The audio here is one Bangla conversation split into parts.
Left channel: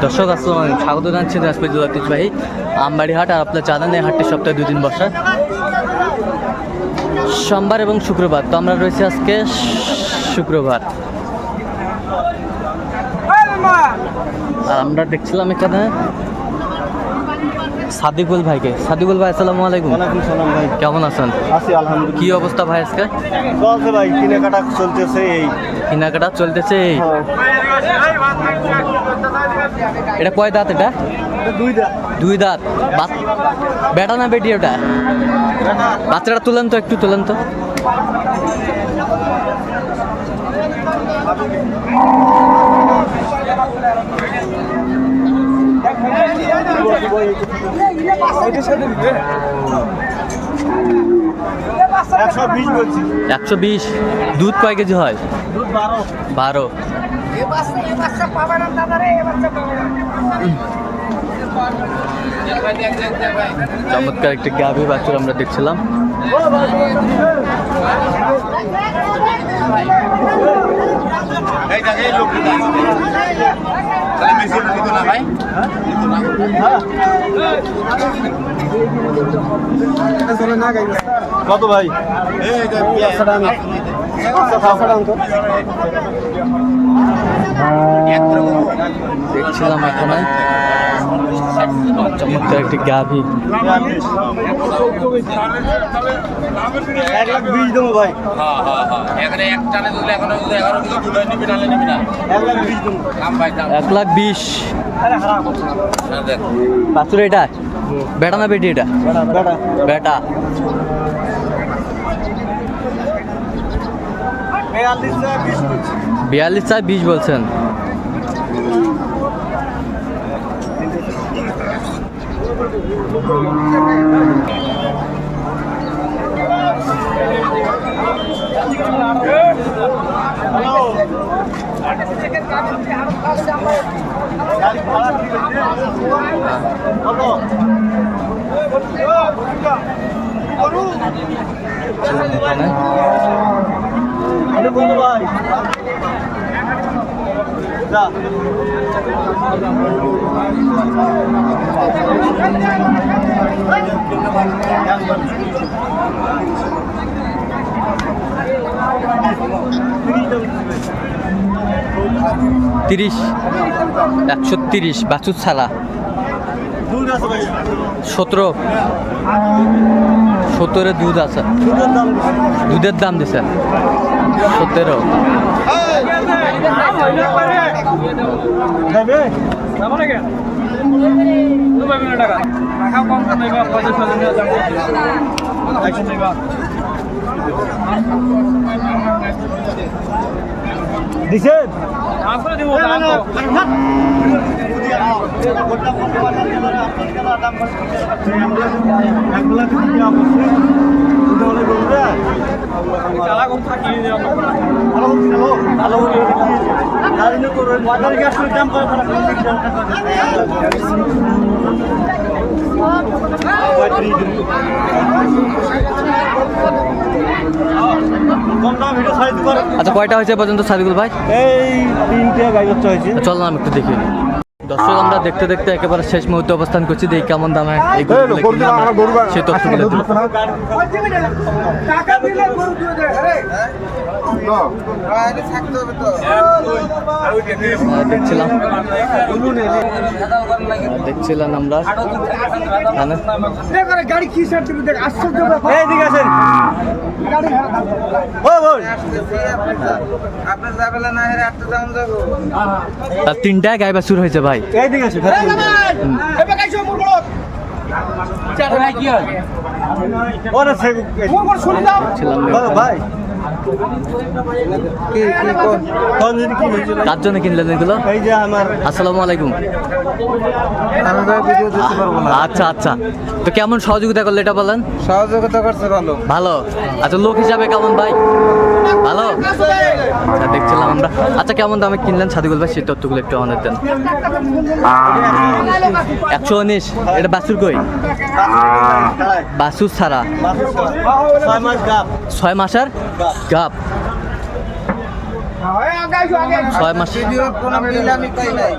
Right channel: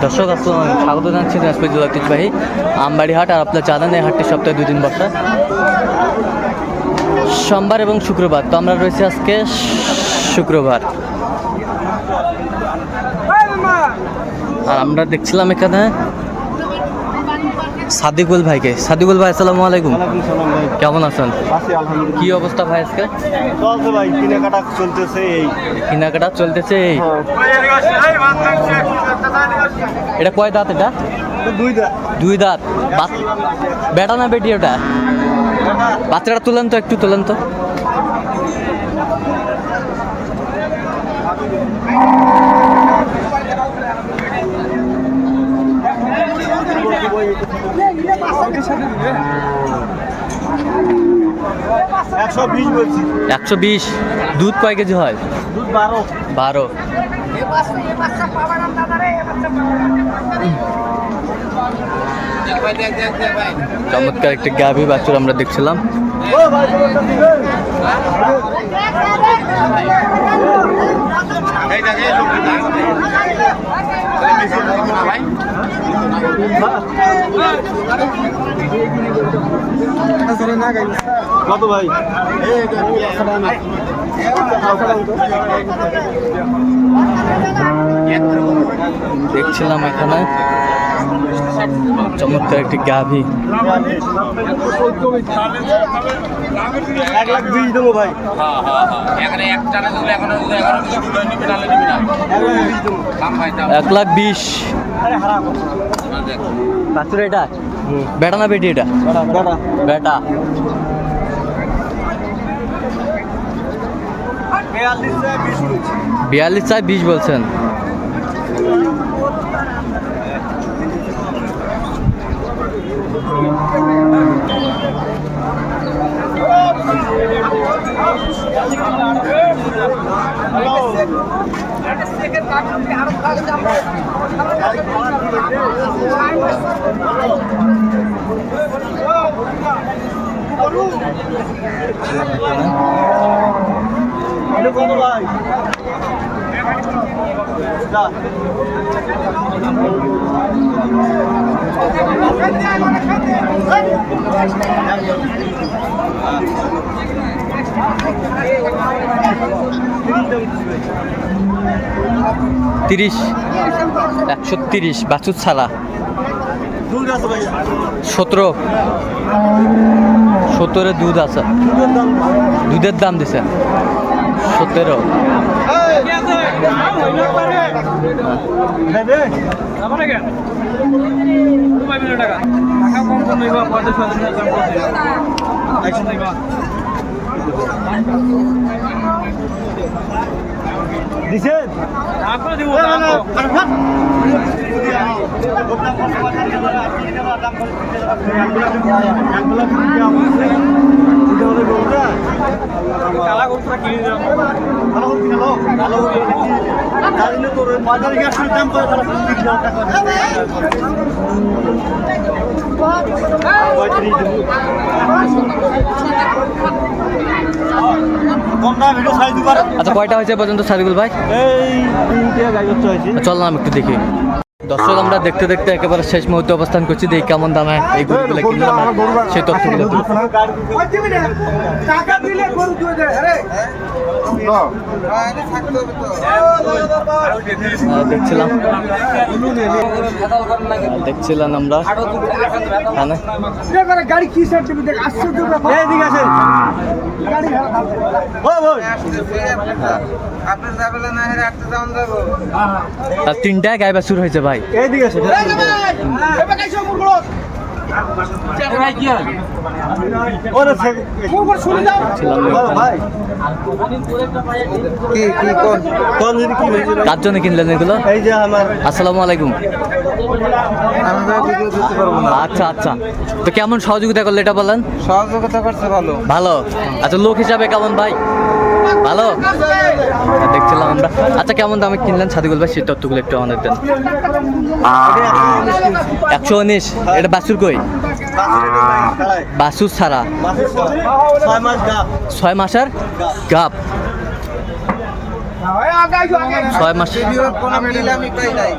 দর্শক আসসালামু আলাইকুম, স্বাগত জানাচ্ছি দিনাজপুর জেলার ঐতিহ্যবাহী আমবাড়ি হাট। আর আপনার জানেন এই হাটটি সপ্তাহে 2 দিন বসে, সোমবার এবং শুক্রবার। তো আমরা রয়েছি আজকে শুক্রবার। আর আমরা দেখছিলাম এখানে সাদিকুল ভাইকে। সাদিকুল ভাই আসসালামু আলাইকুম। সালাম ভাই, কেমন আছেন? আছি আলহামদুলিল্লাহ। কি অবস্থা ভাই আজকে? চলছে ভাই, কেনাকাটা চলতেছে। এই কেনাকাটা চলতেছে। এই এটা কয় দাঁত? এটা দুই দাঁত। বেটা না বেটি? ওটা বাচ্চাটা তুলেন তো, একটু তুলেন তো। বলছি 120। দুধ কয় কেজি হয়? দুধ 12। চমৎকার একটি গাভী বাছুর আমরা দেখছিলাম। কত ভাই? দেখছিলাম এখানে চমৎকার একটি গাভী। 1,20,000 দেবো ভাই। 1,20,000। আরে হারা বাছুর এটা বেটা না বেটি? এটা বেটা। 42 চাই 20 বলছেন। তিরিশ 130 বাছুর ছাড়া। 17 দুধ আছে। দুধের দাম দিছেন 17। আচ্ছা, কয়টা হয়েছে পর্যন্ত সাদিকুল ভাই? এই 3টে গাড়ি হয়েছে। চললাম একটু দেখি। দর্শক আমরা দেখতে দেখতে একেবারে শেষ মুহূর্তে অবস্থান করছি। দেখি কেমন দামে এই গরুগুলো কিনলাম, সেই তথ্যগুলো দেব। দেখছিলাম আমরা গাড়ি কি সার্টিফিকেট? আশ্চর্য ব্যাপার। এদিকে আসেন। তার 3টায় গায়ে বাছুর হয়েছে ভাই। এইদিকে আসেন। কার জন্য কিনলেন এগুলো? এই যে আমার। আসসালামু আলাইকুম। আমি ভাই ভিডিও দিতে পারবো না। আচ্ছা আচ্ছা, তো কেমন সহযোগিতা করলে এটা বলেন? সহযোগিতা করছে ভালো। ভালো। আচ্ছা, লোক হিসাবে কেমন ভাই? ভালো। দেখছিলাম আমরা। আচ্ছা, কেমন দামে কিনলেন সাদিকুল ভাই, সেই তথ্যগুলো একটু আমাদের দেন। 119। এটা বাছুর কই? বাছুর ছাড়া। 6 মাস গাপ। 6 মাসের গাপ। 6 মাস ভিডিও কোনো মিল আমি পাই নাই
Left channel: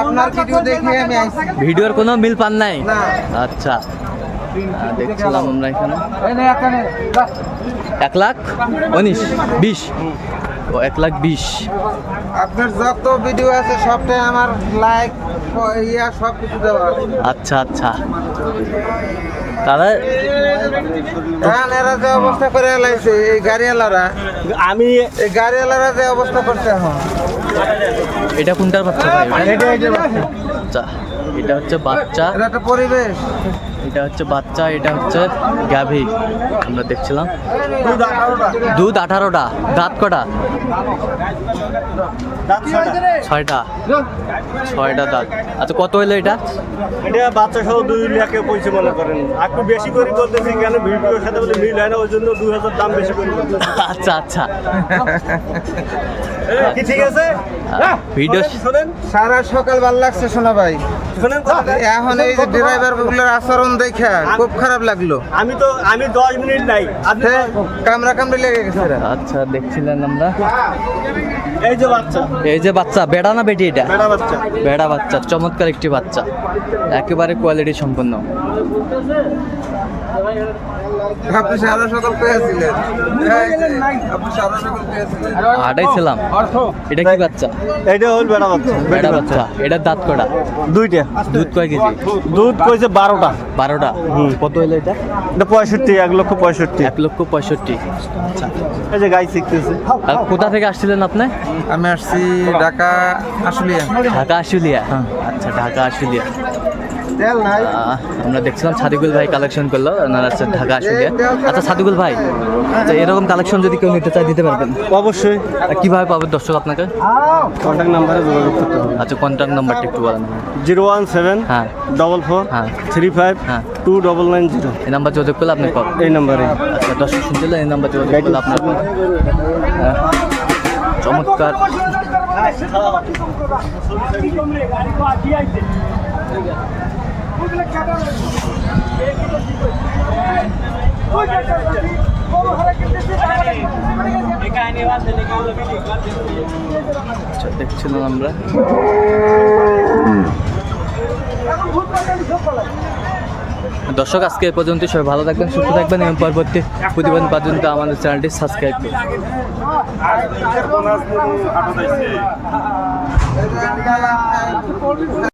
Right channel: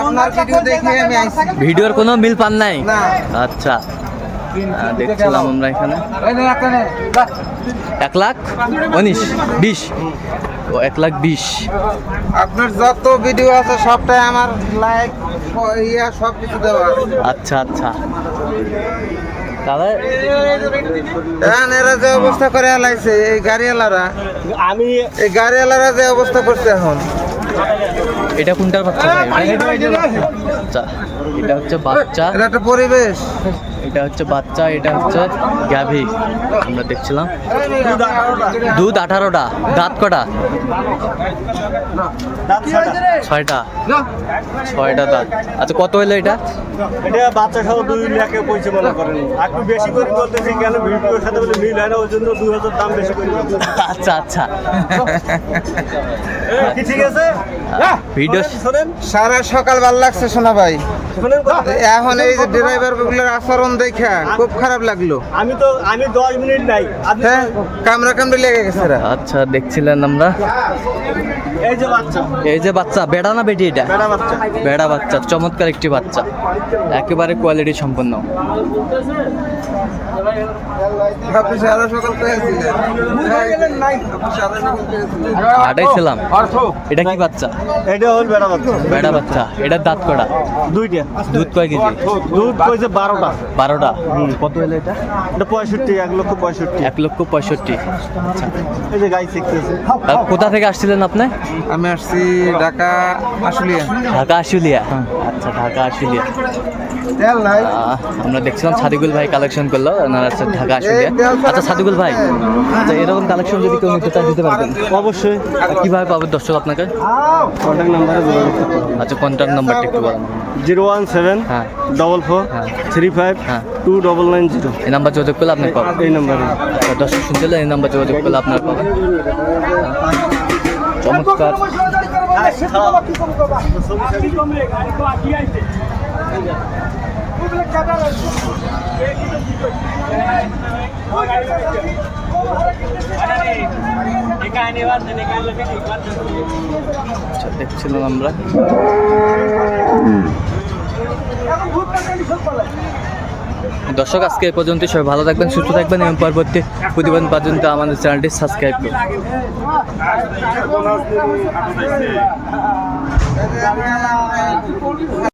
আপনার ভিডিও দেখে আমি আইছি ভিডিওর কোনো মিল পান নাই? না আচ্ছা, দেখছিলাম আমরা এখানে 1,19,20 ও 1,20,000। আপনার যত ভিডিও আছে সবটাই আমার লাইক সব কিছু দেওয়া আচ্ছা আচ্ছা, তাহলে এখন এরা যে অবস্থা করে লাইছে এই গাড়িওয়ালারা এই গাড়িওয়ালারা যে অবস্থা করছে এখন এটা কোনটার বাচ্চা ভাই? আচ্ছা, এটা হচ্ছে বাচ্চা, এটা একটা পরিবেশ এটা হচ্ছে বাচ্চা, এটা হচ্ছে গাভী। আমরা দেখছিলাম দুধ 18টা, দাঁত কটা? 6টা, 6টা দাঁত। আচ্ছা, কত হইলো এটা? এটা বাচ্চা সহ 2 লাখে পয়সা মনে করেন। একটু বেশি করে বলতেছি কেন ভিডিওর সাথে বলে মিল হয় না, ওই জন্য 2000 দাম বেশি করে বলতেছি। আচ্ছা আচ্ছা, কি ঠিক আছে? ভিডিও শোনেন সারা সকাল ভালো লাগছে শোনা ভাই শোনেন কথা। এখন এই ড্রাইভার গুলোর আচরণ দেখা খুব খারাপ লাগলো আমি 10 মিনিট নাই। আপনি হ্যাঁ, কামড়া কামড়ি লেগে গেছে ওরা। আচ্ছা, দেখছিলেন আমরা এই যে বাচ্চা, এই যে বাচ্চা, বেড়া না বেটি? এটা বেড়া বাচ্চা। বেড়া বাচ্চা, চমৎকার একটি বাচ্চা, একেবারে কোয়ালিটি সম্পন্ন। আপনি সারা সকাল পেয়েছিলেন আপনি সারা সকাল পেয়েছিলেন হাঁটাইছিলাম। এটা কি বাচ্চা? এটা হল বেড়া বাচ্চা। বেড়া বাচ্চা, এটার দাঁত কটা? 2টা। দুধ কয় কেজি? দুধ কইছে 12টা। 12টা। কত হলো এটা? এটা 65, 1,65,000। 1,65,000। আচ্ছা, এই যে গাই শিখতেছে। আর কোথা থেকে আসছিলেন আপনি? আমি আসছি ঢাকা আশুলিয়া ঢাকা আশুলিয়া। আচ্ছা, ঢাকা আশুলিয়া। আমরা দেখছিলাম সাদিকুল ভাই কালেকশন করলো, ওনারা হচ্ছে ঢাকা আশুলিয়া। আচ্ছা সাদিকুল ভাই, আচ্ছা এরকম কালেকশন যদি কেউ নিতে চায় দিতে পারবেন? অবশ্যই। আর কিভাবে পাবে দর্শক আপনাকে? কন্ট্যাক্ট নাম্বারে যোগাযোগ করতে হবে। আচ্ছা, কন্ট্যাক্ট নাম্বারটা একটু বলেন। 017 হ্যাঁ 44 হ্যাঁ 35 হ্যাঁ 2990। এই নাম্বার যোগাযোগ করলে আপনি পাবেন। এই নাম্বারে। আচ্ছা, দর্শক শুনছিল, এই নাম্বার যোগাযোগ করলে আপনার পাবেন। চমৎকার। আচ্ছা, দেখছিলাম আমরা দর্শক, আজকে এ পর্যন্ত। সবাই ভালো থাকবেন, সুস্থ থাকবেন এবং পরবর্তী প্রতিবেদন পর্যন্ত আমাদের চ্যানেলটি সাবস্ক্রাইব করুন।